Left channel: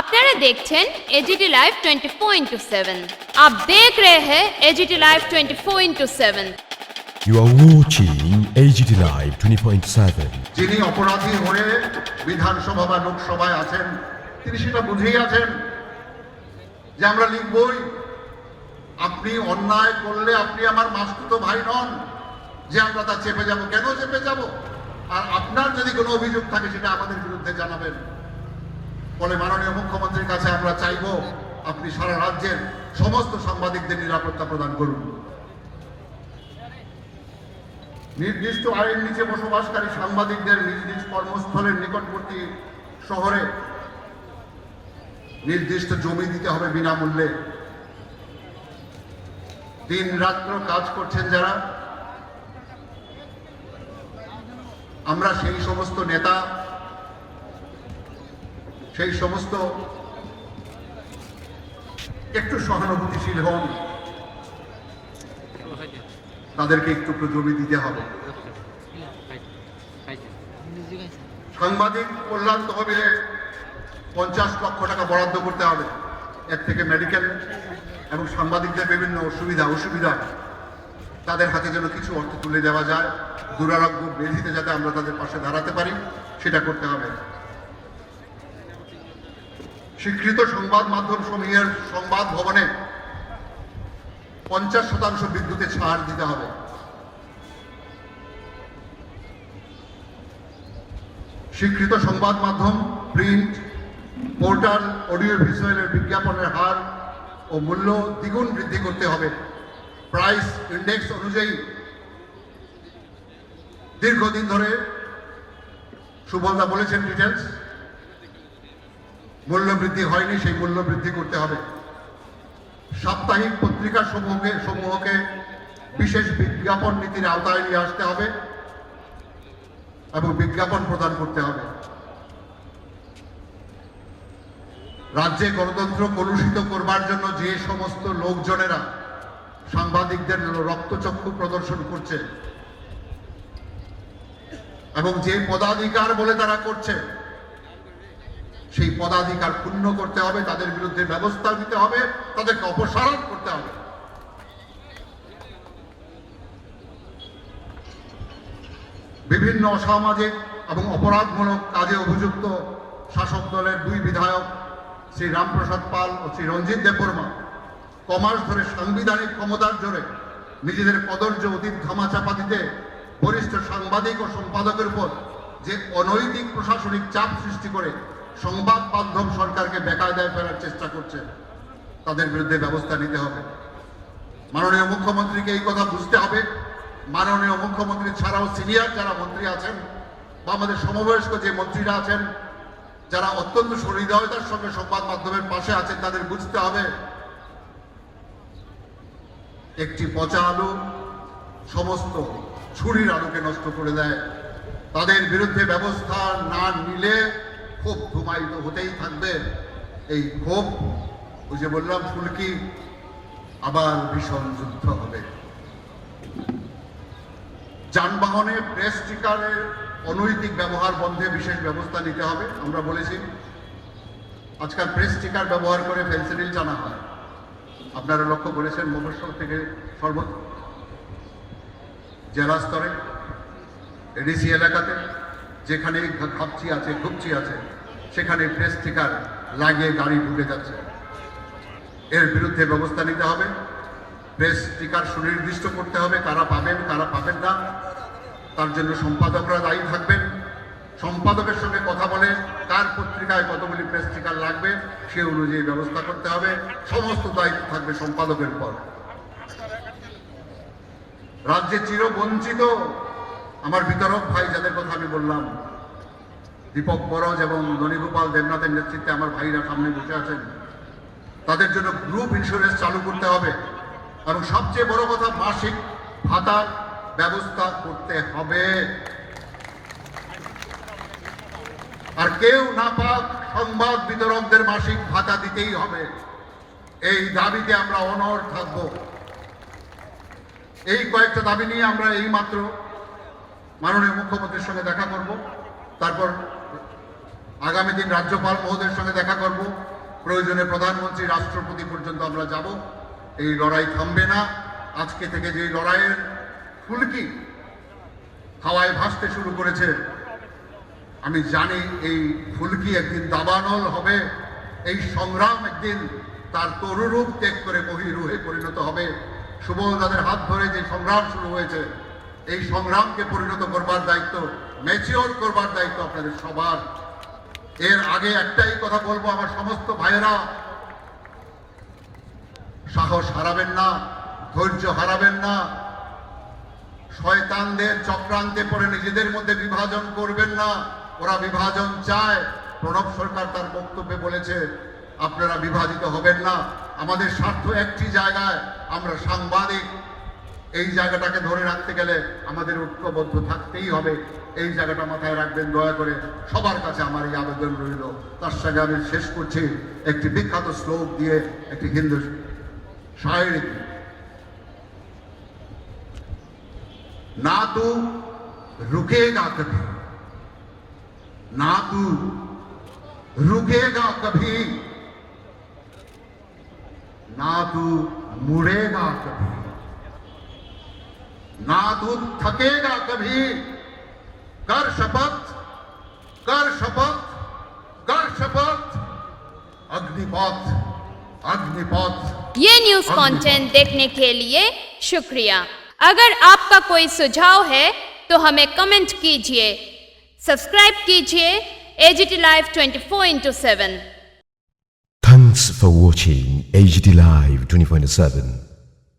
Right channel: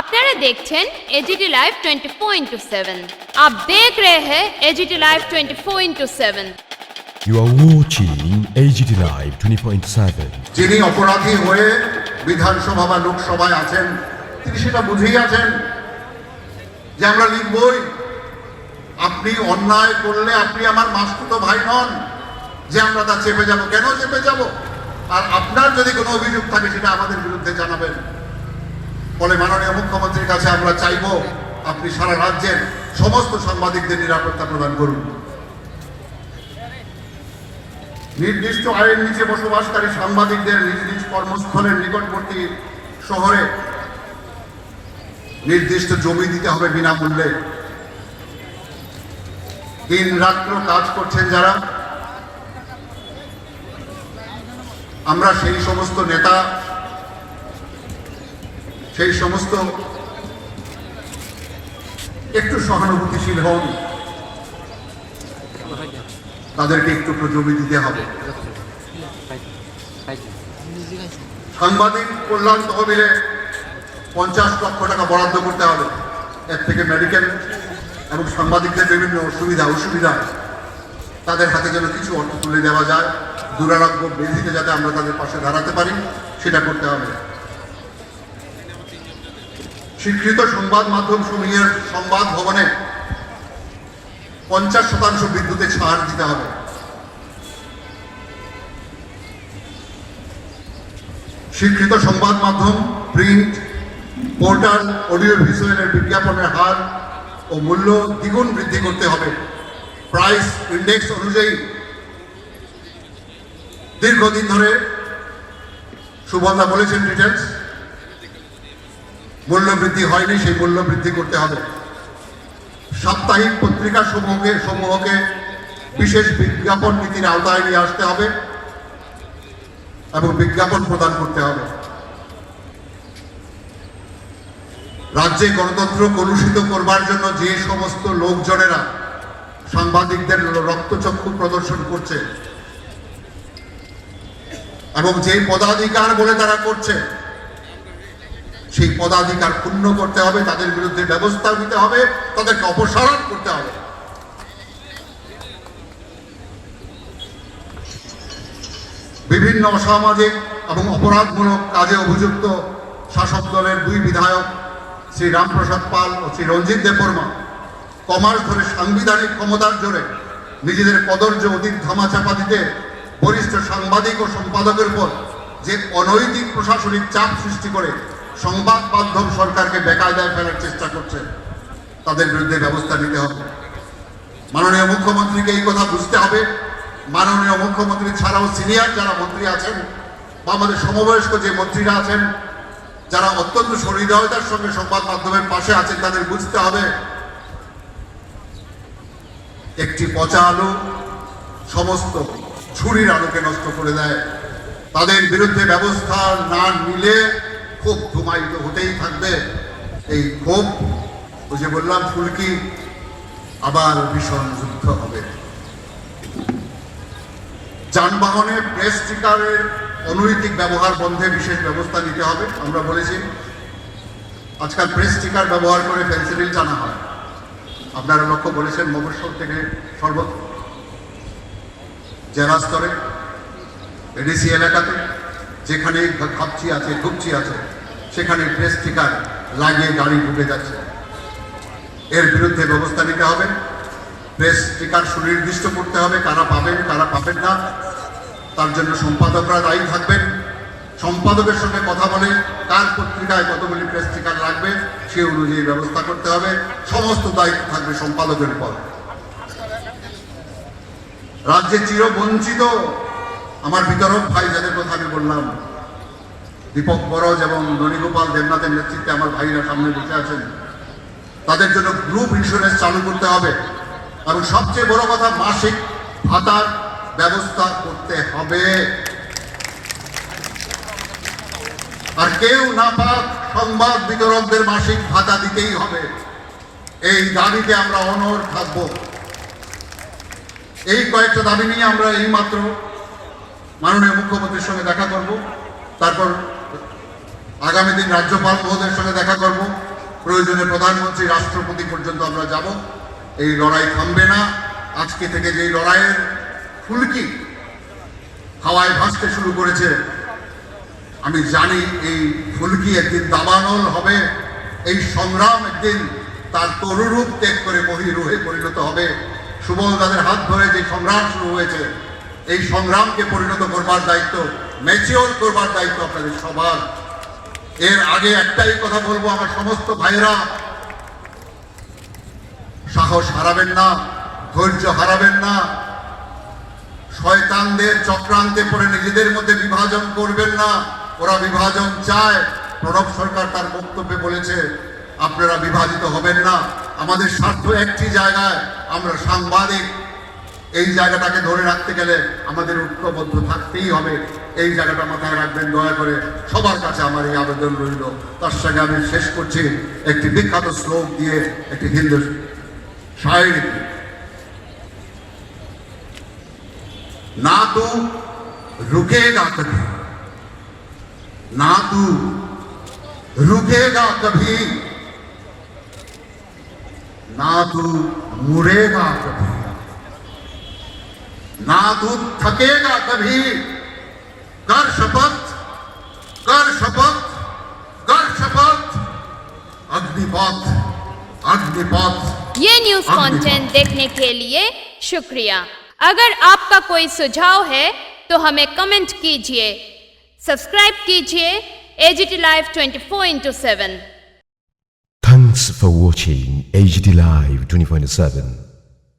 আপনারা দেখছেন AGT live 24/7। आप देख रहे हैं AGT live 24/7। You are watching AGT Live 24/7. যিনি অপরাধী হয়ে বিধানসভা বা লোকসভায় আছেন তিনি সেটা বুঝেই আছেন যে আমরা লিখবই। আপনি অন্যায় করলে আপনি আমার মাসতুতো ভাই নন যে আমরা তা চেপে যাব। কেন চেপে যাব? আর আপনার যদি কোনো অভিযোগ থাকে সেটা আমাদের বিরুদ্ধে জানাবেন। ফলে মাননীয় মুখ্যমন্ত্রীর কাছে আমরা চাইব আপনি সারা রাজ্যের সমস্ত সাংবাদিকদের নিরাপত্তা প্রদান করুন। নির্দিষ্ট আইন নিচে বসবাসকারী সাংবাদিকদের নিজ নিজ কর্মস্থলের নিকটবর্তী শহরে নির্দিষ্ট জমি দিতে হবে বিনামূল্যে। দিন রাত্র কাজ করছেন যারা, আমরা সেই সমস্ত নেতা, সেই সমস্ত একটু সহানুভূতিশীল হন, তাদেরকে একটু জমি দিতে হবে। সাংবাদিক কল্যাণ তহবিলে 50 লক্ষ টাকা বরাদ্দ করতে হবে। এর থেকে মেডিকেল এবং সাংবাদিকদের বিভিন্ন অসুবিধা তাদের হাতে যেন কিছু অর্থ তুলে দেওয়া যায়, দুরারোগ্য ব্যাধিতে যাতে আমরা তাদের পাশে দাঁড়াতে পারি সেটা করতে হবে। স্বীকৃত সংবাদ মাধ্যম সমূহের সংবাদ ভবনে 50% বিদ্যুতে ছাড় দিতে হবে। স্বীকৃত সংবাদ মাধ্যম, প্রিন্ট, পোর্টাল, অডিও ভিজুয়ালের বিজ্ঞাপনের হার ও মূল্য দ্বিগুণ বৃদ্ধি করতে হবে। প্রাইস ইন্ডেক্স অনুযায়ী দীর্ঘদিন ধরে সুবন্ধা বলেছেন ডিটেলস মূল্য বৃদ্ধি হয়নি, সেই মূল্য বৃদ্ধি করতে হবে। সাপ্তাহিক পত্রিকা সমূহকে বিশেষ বিজ্ঞাপন নীতির আওতায় নিয়ে আসতে হবে এবং বিজ্ঞাপন প্রদান করতে হবে। রাজ্যে গণতন্ত্র কলুষিত করবার জন্য যে সমস্ত লোকজনেরা সাংবাদিকদের রক্তচক্ষু প্রদর্শন করছে এবং যে পদাধিকার বলে তারা করছে সেই পদাধিকার পূর্ণ করতে হবে, তাদের বিরুদ্ধে ব্যবস্থা নিতে হবে, তাদেরকে অপসারণ করতে হবে। বিভিন্ন অসামাজিক এবং অপরাধমূলক কাজে অভিযুক্ত শাসক দলের 2 বিধায়ক শ্রী রামপ্রসাদ পাল ও শ্রী রঞ্জিত দেববর্মা কমার্স ধরে সাংবিধানিক ক্ষমতার জোরে নিজেদের কদর্য অতীত ধামাচাপা দিতে বরিষ্ঠ সাংবাদিক ও সম্পাদকের উপর যে অনৈতিক প্রশাসনিক চাপ সৃষ্টি করে সংবাদ মাধ্যম সরকারকে বেকায়দায় ফেলার চেষ্টা করছে, তাদের বিরুদ্ধে ব্যবস্থা নিতে হবে। মাননীয় মুখ্যমন্ত্রীকে এই কথা বুঝতে হবে। মাননীয় মুখ্যমন্ত্রী ছাড়াও সিনিয়র যারা মন্ত্রী আছেন বা আমাদের সমবয়স্ক যে মন্ত্রীরা আছেন যারা অত্যন্ত সহৃদয়তার সঙ্গে সংবাদ মাধ্যমের পাশে আছেন, তাদের বুঝতে হবে একটি পচা আলু সমস্ত ছুরির আলোকে নষ্ট করে দেয়। তাদের বিরুদ্ধে ব্যবস্থা না নিলে ক্ষোভ ধুমায়িত হতেই থাকবে। এই ক্ষোভ, ওই যে বললাম ফুলকি, আবার ভীষণ যুদ্ধ হবে। যানবাহনে প্রেস স্টিকারের অনৈতিক ব্যবহার বন্ধে বিশেষ ব্যবস্থা নিতে হবে। আমরা বলেছি আজকাল প্রেস স্টিকার ব্যবহার করে ফেন্সিডিল জানা হয়। আপনারা লক্ষ্য করেছেন মফস্বল থেকে জেলা স্তরে এডিসি এলাকাতে যেখানে ঘুপচি আছে সেখানে প্রেস স্টিকার লাগিয়ে গাড়ি ঢুকে যাচ্ছে। এর বিরুদ্ধে ব্যবস্থা নিতে হবে। প্রেস স্টিকার সুনির্দিষ্ট করতে হবে কারা পাবেন কারা পাবেন না, তার জন্য সম্পাদকরা দায়ী থাকবেন। সম্পাদকের সঙ্গে কথা বলে কার পত্রিকায় কতগুলি প্রেস স্টিকার লাগবে সে অনুযায়ী ব্যবস্থা করতে হবে। সমস্ত দায়িত্ব থাকবে সম্পাদকের উপর। রাজ্যে চিরবঞ্চিত আমার বিতরক ভাই যাদের কথা আমি বললাম, দীপক বরজ এবং ননীগোপাল দেবনাথের নেতৃত্বে আমার ভাইরা সামনে বসে আছেন, তাদের জন্য গ্রুপ ইন্স্যুরেন্স চালু করতে হবে এবং সবচেয়ে বড় কথা মাসিক ভাতার ব্যবস্থা করতে হবে। আর কেউ না পাক সংবাদ বিতরকদের মাসিক ভাতা দিতেই হবে। এই দাবিতে আমরা অনড় থাকব। এই কয়েকটা দাবি নিয়ে আমরা এই মাত্র মাননীয় মুখ্যমন্ত্রীর সঙ্গে দেখা করব, তারপর আগামী দিন রাজ্যপাল মহোদয়ের সঙ্গে দেখা করব, প্রয়োজনে প্রধানমন্ত্রী রাষ্ট্রপতি পর্যন্ত আমরা যাব। এই লড়াই থামবে না। আজকে থেকে যে লড়াইয়ের ফুলকি হাওয়ায় ভাসতে শুরু করেছে, আমি জানি এই ফুলকি একদিন দাবানল হবে। এই সংগ্রাম একদিন তার তরুরূপ ত্যাগ করে মহিরূহে পরিণত হবে। সুবল দাদের হাত ধরে যে সংগ্রাম শুরু হয়েছে, এই সংগ্রামকে পরিণত করবার দায়িত্ব, ম্যাচিওর করবার দায়িত্ব আপনাদের সবার। এর আগে একটাই কথা বলবো, আমার সমস্ত ভাইরা, সাহস হারাবেন না, ধৈর্য হারাবেন না, শয়তানদের চক্রান্তে পড়ে নিজেদের মধ্যে বিভাজন করবেন না। ওরা বিভাজন চায়। প্রণব সরকার তার বক্তব্যে বলেছে আপনারা বিভাজিত হবেন না। আমাদের স্বার্থ একটি জায়গায়, আমরা সাংবাদিক। এই জায়গাটাকে ধরে রাখতে গেলে আমাদের ঐক্যবদ্ধ থাকতেই হবে। এই জায়গাটা মাথায় রাখবেন দয়া করে। সবার কাছে আমার এই আবেদন রইল। তার সঙ্গে আমি শেষ করছি একটি বিখ্যাত শ্লোক দিয়ে, একটি হিন্দু শায়রি। ना तू रुकेगा कभी, ना तू रुकेगा कभी, ना तू मुड़ेगा कभी, ना तू थकेगा कभी। कर शपथ, कर शपथ, कर शपथ। अग्निपथ, अग्निपथ। ये न्यूज कंटेंट देखने के लिए शुक्रिया। अगर आपका कोई सुझाव है तो हमें कमेंट कीजिए, सब्सक्राइब कीजिए AGT Live 24/7। Thanks for watching AGT Live 24/7.